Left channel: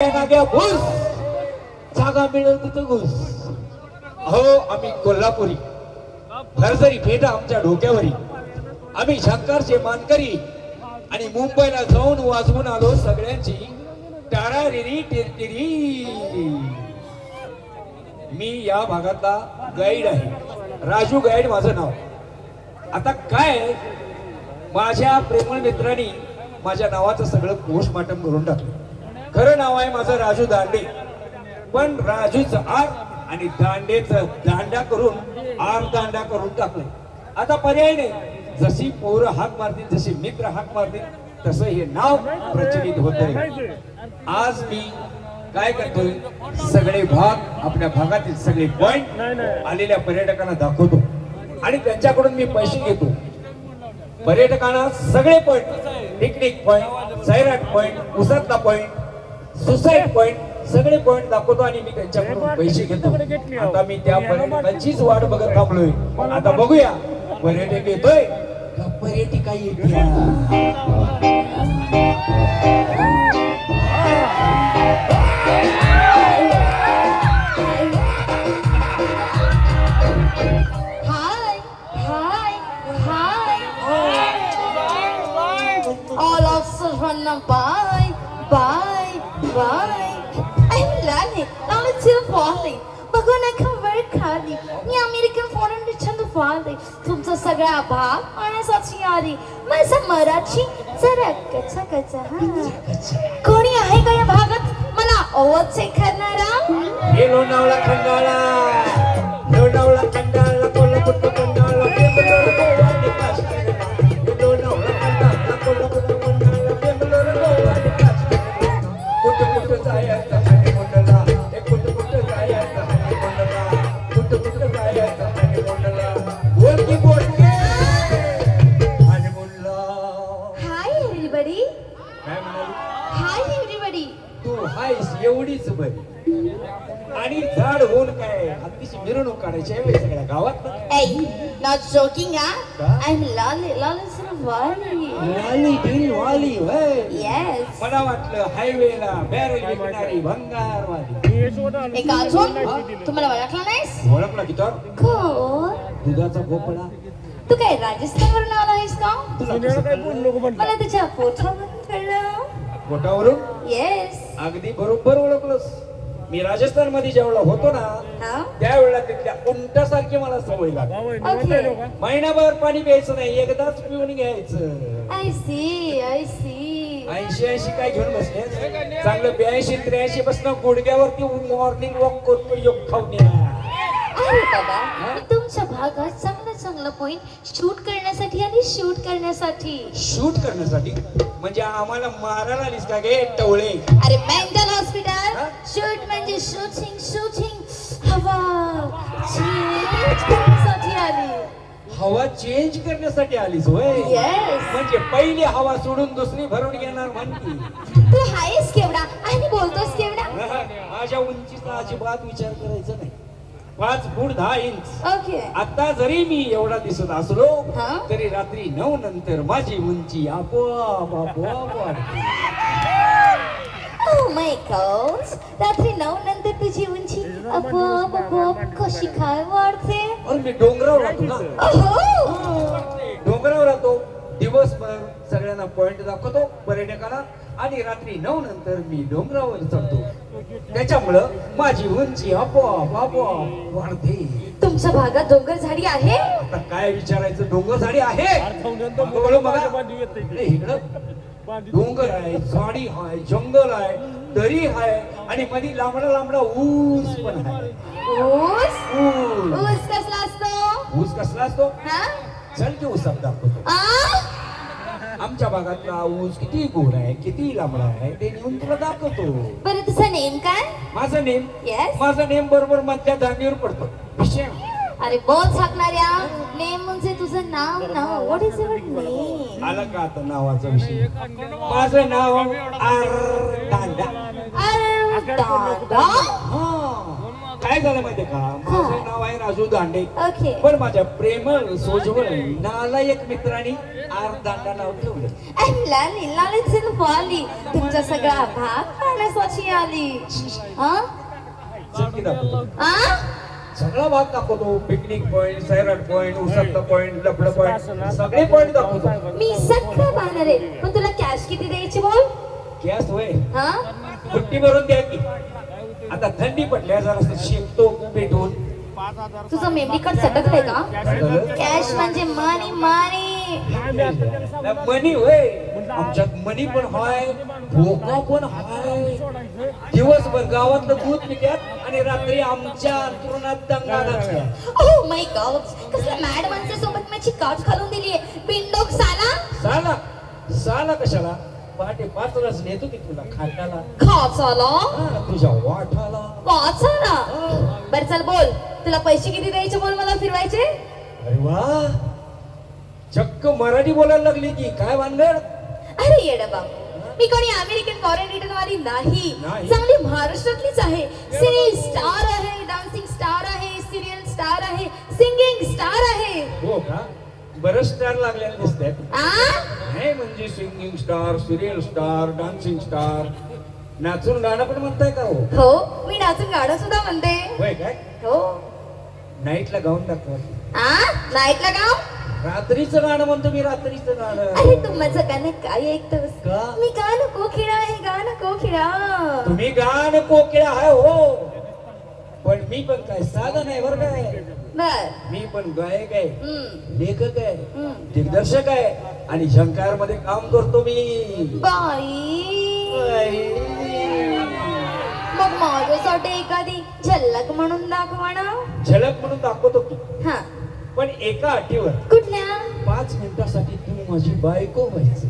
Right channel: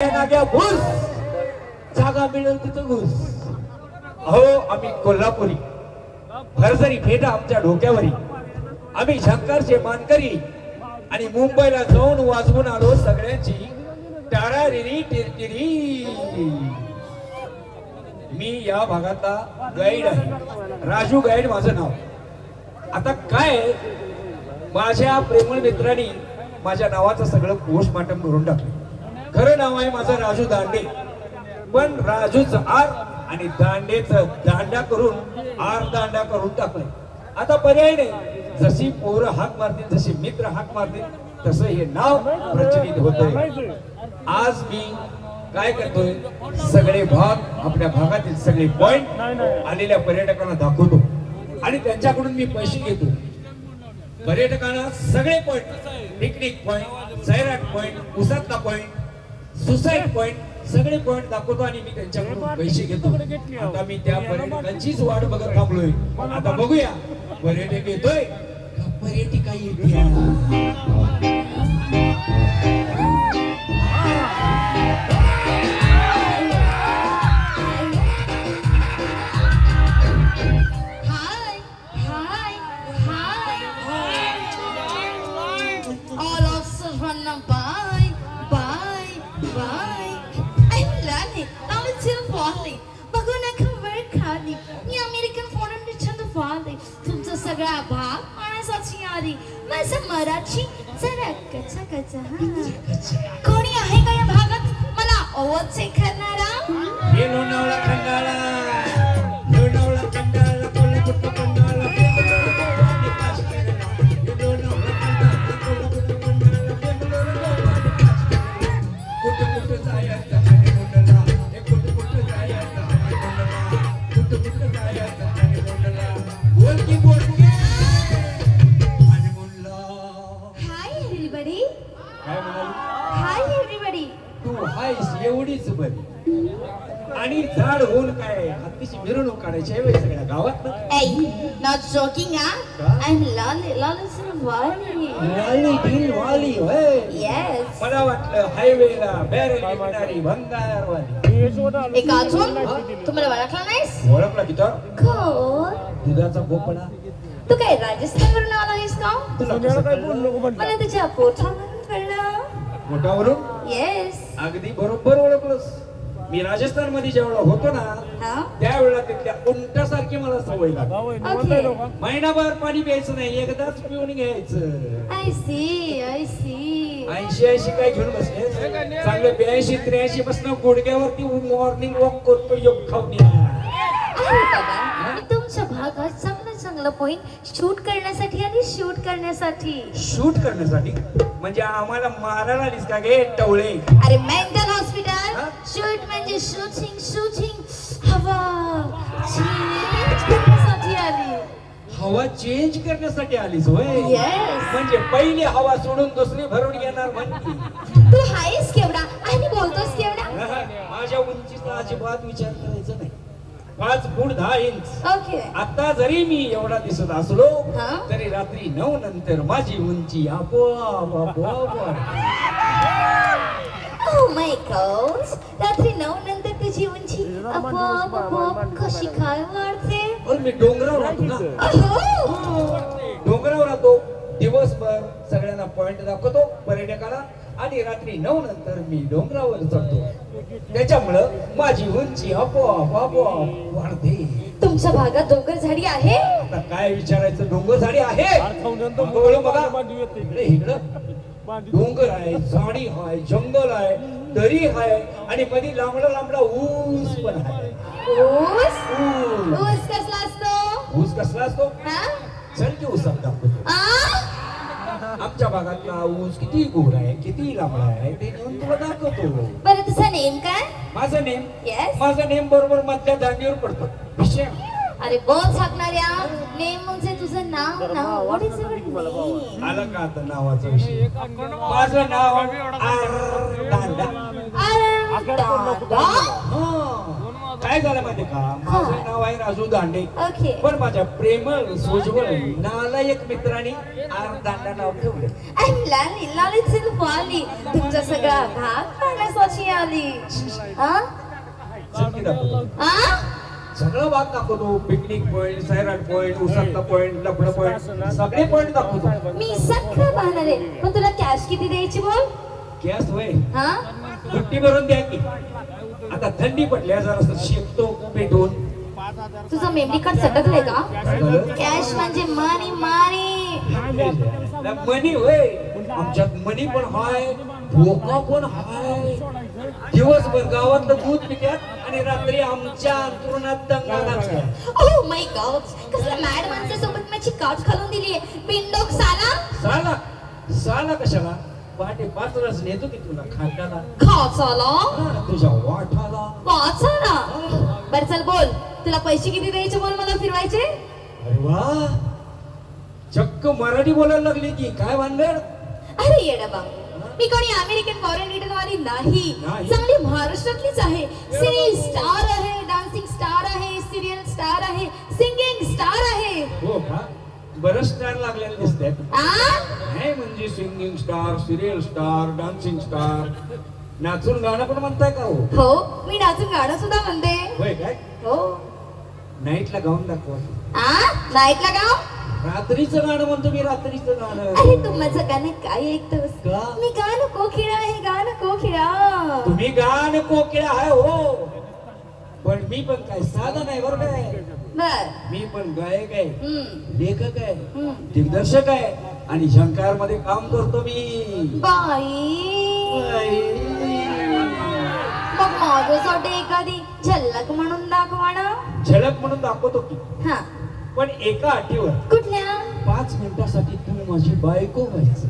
घुस जागा मिळेल तिथं घुस. हो आम्ही कोल्हापुरी भरसरी फेटा आमच्या डोक्यावरी. आम्ही झंकारचे मानकरी आणि मुंबईला जाऊन वाजवून आलो सगळ्यांची टारारिरी टिरटिरी. मी या भागातला गाईड आहे, राजू गाईड माझं नाव. आता काय माझ्या प्रेमळ मित्रांनी माझ्या नावाचं सगळं पोस्टमार्टम करून टाकलं. खरं नाव आहे माझं राजू दांडे, पण राजूचं आर आणि दांडेचं दांडा करून आर दांडा करून टाकलंय. आता पर्याय नाही, जशी पोरं हाक मारतील, जसे मित्र हाक मारतील, तसं हे नाव प्रचलित होतंय. आज मी काय करतोय, सगळे भाग आपल्या भागातील सगळे पॉइंट आलेल्या पर्यटकांना दाखवतो आणि त्यांच्याकडून मी पैसे घेतो. पर्यटकांना सगळे point, picnic point, Sairat point, उसातला पॉइंट, सुसाईड पॉइंट, सगळे पॉइंट दाखवतो आणि मी त्यांच्याकडून पैसे घेतो. आता मी त्या पर्यटकांचीच वाट बघत थांबलोय. आता बघूया पर्यटक येतोय का पर्यटिका येते. तुमचा सगळा भाग आणण्यासाठी आली. माझा मराठी जरा कच्चा कच्चा. कोणी आहे का या भागात मला आवाज चेक करणारा? हे लोणावळा खंडाळा, लोणावळा खंडाळा, कोल्हापूर खंडाळा, बेंगलोर गोवा आणि काश्मीर. लोणावळा खंडाळा, कोल्हापूर खंडाळा, बेंगलोर गोवा आणि काश्मीर. कुठं जायचं आणि कोणाला, कुठं जायचं आणि कोणाला, कुठं जायचं आणि कोणाला. बोलकी बोलकी आणि बोलला. Hi everybody. Hi everybody. तू हायस एवढीच बरी आणि झाड होऊन काय अतिशय मिरवणूक काढायची आहे सगळ्या गावात. Not joking, I'm Lali. Lali Sarwali. वाली होय. Yes. मला वाटलं हायवेला बॅरेल विकणारी भंगारवाली. एक अजून तुम्हाला ओळखला नाहीस? ओळखला की तो कोण? दुधाचा भोपळा. तू काय राजस्थानवरून आला आहेस का? मला तुझ्या पोटावरून कळलं. पोटावरून? येस. अगदी बरोबर ओळखलंस. मी राजस्थान मध्ये जेवढा होतो ना त्यावेळेला तिथल्या उंटासारखी मला सवय लागली. महिनाभर पाणी प्यायचं नाही, एकदाच पिऊन घ्यायचं. I see. 80 काय घेऊन बसले चांगलं 82-83 पासून गुडघ्यावरती मॉर्निंग वॉक करतो योग खाऊन. तुमच्या भागात चांगलं पॉइंट शूट करण्यासाठी आणि शूट करण्यासाठी म्हणजे आम्हाला मारायला आलीस का गे टवळे? अरे मेंटल हॉस्पिटल. शूट म्हणजे शूटिंग हवा चेंज करण्यासाठी आलीस होय? म्हणजे पहिली हवा सोडून दुसरी भरून घेणार म्हणती. तू आहेस केवढा आणि बोलतोस केवढा? माझ्या उंचीचा अजिबात विचार करायचा नाही. 5 फूट 10 इंच. ओके. आता जरी मी एवढा दिसत असलो तरी रात्री 9 नंतर माझी उंची आपोआप Oh my God. रात्री 9 नंतर तुझी उंची आपोआप कशी काय वाढते? मी डोंगरावर राहतो ना. डोंगरावर राहतो दिवसभर, सगळ्यांना पॉइंट दाखवतो पर्यटकांना आणि रात्री 9 नंतर मी डोंगरावर चढतो. त्याच्यामुळं माझी उंची आपोआप वाढते. तुमच्या भागात डोंगर झाडी आहे? आता काय विचारायचं, डोंगर झाडी आहे. डोंगर आहे, झाडी आहे, जंगल आहे, दरी आहे आणि मध्ये लांबडा ऊस पण आहे. ऊस कसला असतो? ऊस कसला असतो? चल की ऊस दाखवतो. आमच्या भागातला ऊस किती गोड आहे, किती लांब आहे ते घेऊन तुला दाखवतो. बरं तुझं नेम काय? माझा नेम बरोबर मधल्या दांडीवर पडतो. विषय अरे बोल सांगणाऱ्या, नेम म्हणजे तुझं नाव. What is your name? आलं का आता नावाचा विषय? माझं नाव काय झालं माहितीये का, माझं नाव आहे राजू दांडे. ओके. पण माझ्या प्रेमळ सोजवळ नालायक मित्रांनी दांडा नाव ठेवलं. लाली वाली तुमचा सगळा भाग पाण्यासाठी आली. हा? चटकी दाखवतो. हा? सगळा भाग दाखवतो. पिकनिक पॉइंट, सैराट पॉइंट, उसळता पॉइंट, लफडं पॉइंट, सगळे पॉइंट दाखवतो. मी सगळं पाहणार आहे, पण तुला कॅश किती द्यायची बोल? गॅस होय हा? सुट्टी भरून द्या की. आता थंडी पडली जरा शिकतो पेटून. तुझं मेमरी कार्ड सटकलंय का? कॅश म्हणजे मनी मनी. मनी होय, आमच्यात मनी पण हाय, भोका पण हाय. दिवसभर गावातलं दूध पित्यात आणि रात्री आमच्या अंतरुणात दंगा नाचतात. ओह माय गॉड, कसल्या मॅड माणसासोबत माझी काच घालून दिलीये. बिनडोक साला. साला साला कशाला? पहाटे 5 वाजता नेतो की तुला खाटाला. खाचाला? तुझ्या वाठाला. वाचाला? बर चल बोल, तुला पैसे किती द्यायचे बोल मला फिरवायचे? अरे वा, चक्क मराठी बोलायला लागली की काय भानगड? अरे येडा बाबू, मी कोणी अमेरिकन फॉरेन रिटर्न वाली नाही. चांगली महाराष्ट्रातलीच आहे. सिरियल स्टार आहे, डान्सिंग स्टार आहे, सिरियल स्टार आहे, सिंगिंग स्टार आहे. हो का? बरं स्टार लागलेले दिसतात. आ? हे म्हणजे singing star, serial star, dancing star, नाचून गाणं पण म्हणताय का? हो, मी नाचून गाणं सुद्धा म्हणते. होय काय? हो. नाईटला गाऊन दाखव. आ? नाईटला गाव? रात्रीचं गाणं म्हणतो मी, रात्रीचं गाणं. अरे तू माझं गाणं काय ऐकतोस? का? मी गाणं कोकिळा आहे, गाणं कोकिळा. तुम्ही गाणं कोकिळा आहे हो, पण मी पण काय साधा नाही बरं काय. बर. मी पण गायक आहे, हम्म. लेखक आहे, हम्म. दिग्दर्शक आहे आणि झंकार मध्ये काम करतो मी. बाई, मग माझ्यासाठी एखादी झलक म्हणून दाखवा ना. झलक म्हणून दाखवतो की, हा. पण एका अटीवर. कुठल्या? 5 मिनिटासाठी तुम्ही माझी बायको व्हायचं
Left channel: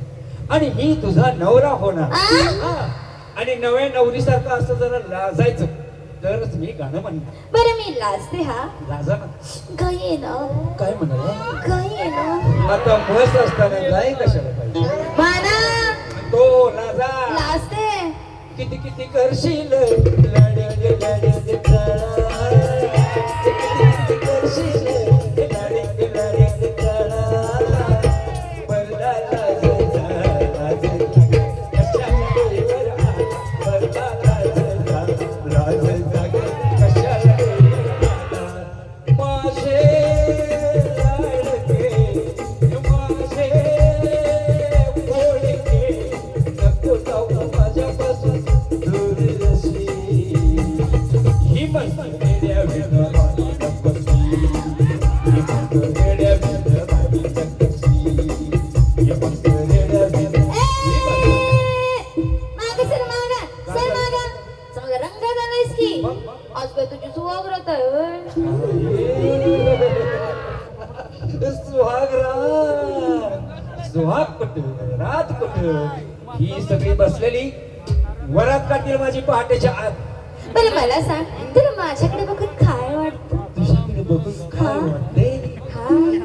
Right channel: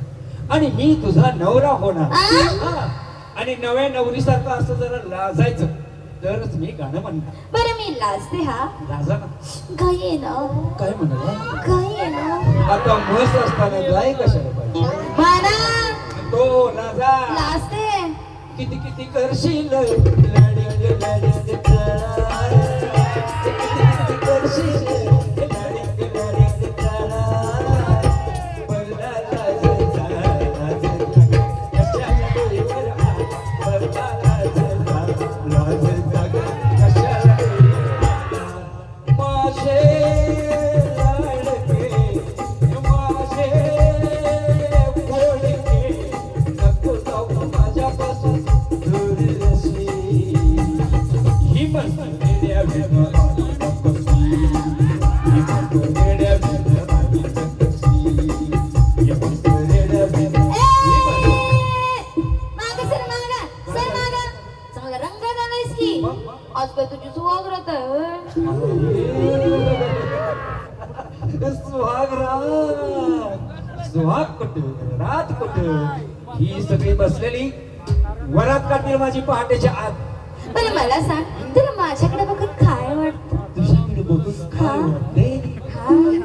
आणि मी तुझा नवरा होणार. हा. आणि नव्या नवरीसारखं असं जरा लाजायचं, तरच मी गाणं म्हणणार. बरं मी लाजते. हा लाजा ना. गाई ना. काय म्हणाला? गाई ना. आता मस्त असताना गाय कशाला पाहिजे? म्हणा. तो लाजा. लाजते. किती किती करशील लढे लढे कळा. किती करशील लढे लढे कळा. बघा लाजेचा लाजेचा कशाला डोळा. बघा लाजेचा लाजेचा कशाला डोळा. माझे लाडके माझे गोडके नको जाऊ माझ्यापासून दूर रशी. ही मस्त रेड्या विनोदाची कपशी. ही मस्त रेड्या विनोदाची कपशी. ही मस्त रेड्या विनोदाची. मागे सर मागा, सर मागा. चांगला रंग झालायस की. आज काय तुझी सुहागरात आहे होय? सुहाग पटू रात पटू ही सगळी बसलेली वरात काढतील माझी पहाटेच्या आत. बरं मला सांग, तुला माझ्याकडे बघून काय वाटतं? तुझ्याकडे बघून काय वाटते?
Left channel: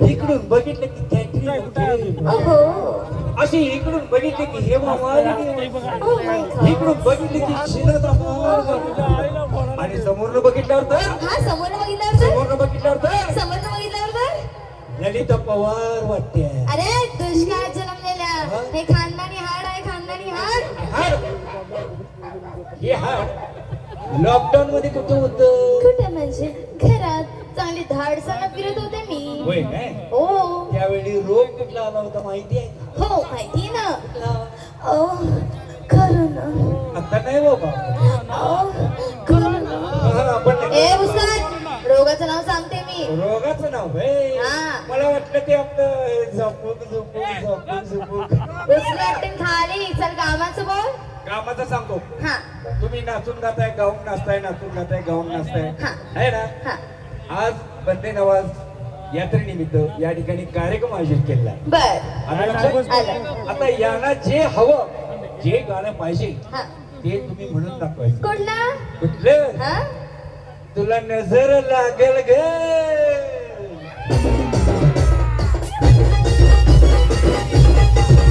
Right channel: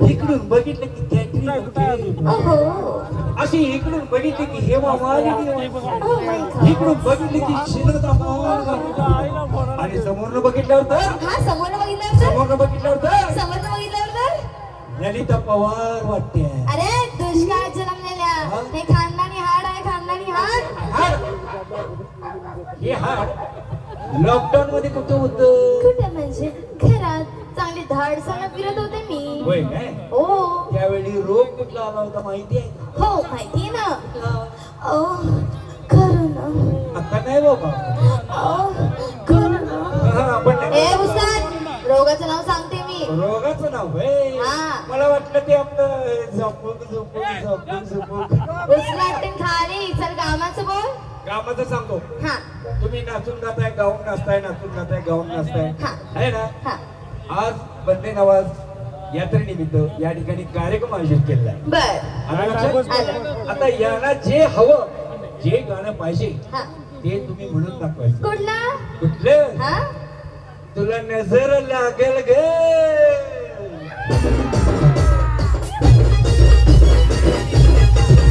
इकडून बघितलं की कॅटरी होते. अहो. अशी इकडून बघितले की Hema Malini. Oh my God. इकडून बघितले की शिरदा पवार. आणि समोर बघितल्यावर तर हा समोर बघितल्यावर तर? समोर बघितल्यावर तर समोर बघितल्यावर तर? ललिता पवार वाटते. अरे दुष्काळात जन्मलेल्या हे खानदानी हाड आहे, खानदानी हाड. हे हाड लॉकडाऊन मध्ये कुठं होतं? कुठं म्हणजे घरात चांगली धाडसानं फिरत होते मी. होय काय? हो त्यावेळी रोग कुठला आला होता माहिती आहे? हो माहिती ना. करोना. आता नाही बाबा. करोना. ए भुसान, रोगाचं नाव सांगते मी. रोगाचं नाव आहे? हा. मला वाटलं ते आपलं झोपूक झोपूक झोपूक झोपूक. उचलाटून खाली. चल कामाचं बोल. कामाचं सांगतो. हा तुम्ही नाचून गाताय, गाऊन नाचताय, नाचून गाताय, गाऊन नाचताय, हा. आहे ना? हा आज बंदे नवाज यात्रेनिमित्त या ठिकाणी कार्यक्रम आयोजित केलेला आहे. बर. आलं लक्षात? आता यांना जे हवं, जे गाणं पाहिजे हा. ते तुम्ही म्हणून दाखवायचं. कुठला? कुठलं? हा तुला नजर लागेल ग